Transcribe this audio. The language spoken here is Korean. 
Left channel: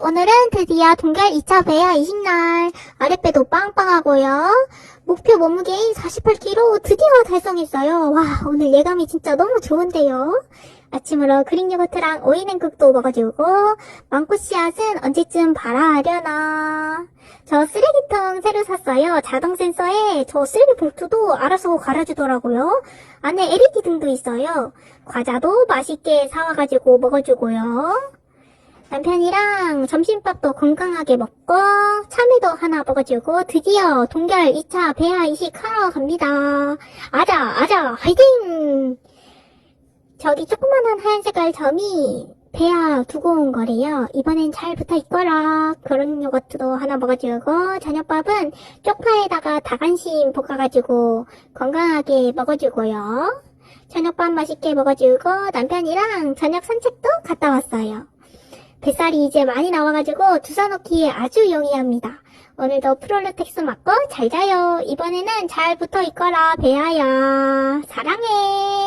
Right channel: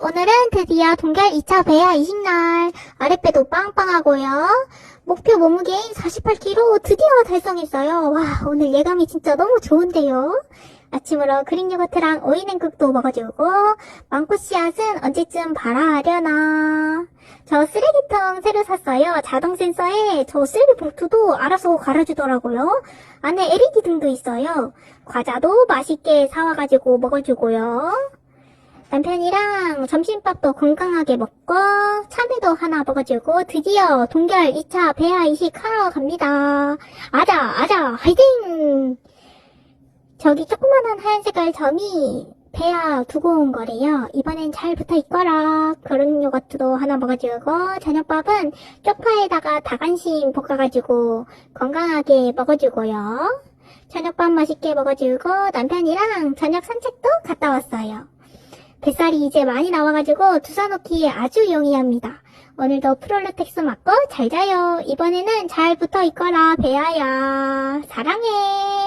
오늘은 드디어 동결 2차 배야 20날. 아랫배도 빵빵하고요. 목표 몸무게인 48kg 드디어 달성했어요. 와, 오늘 예감이 진짜 너무 좋은데요. 아침으로 그릭 요거트랑 오이 냉국도 먹어주고, 망고 씨앗은 언제쯤 발아하려나. 저 쓰레기통 새로 샀어요. 자동 센서에 저 쓰레기 봉투도 알아서 갈아주더라고요. 안에 LED 등도 있어요. 과자도 맛있게 사와가지고 먹어주고요. 남편이랑 점심밥도 건강하게 먹고 참외도 하나 먹어주고 드디어 동결 2차 배아 이식하러 갑니다. 아자 아자 화이팅! 저기 조그마한 하얀 색깔 점이 배아 두고 온 거래요. 이번엔 잘 붙어 있거라. 그런 요거트도 하나 먹어주고 저녁밥은 쪽파에다가 닭안심 볶아가지고 건강하게 먹어주고요. 저녁밥 맛있게 먹어주고 남편이랑 저녁 산책도 갔다 왔어요. 뱃살이 이제 많이 나와가지고 놓기에 아주 용이합니다. 오늘도 프롤루텍스 맞고 잘 자요. 이번에는 잘 붙어 있거라 배아야. 사랑해.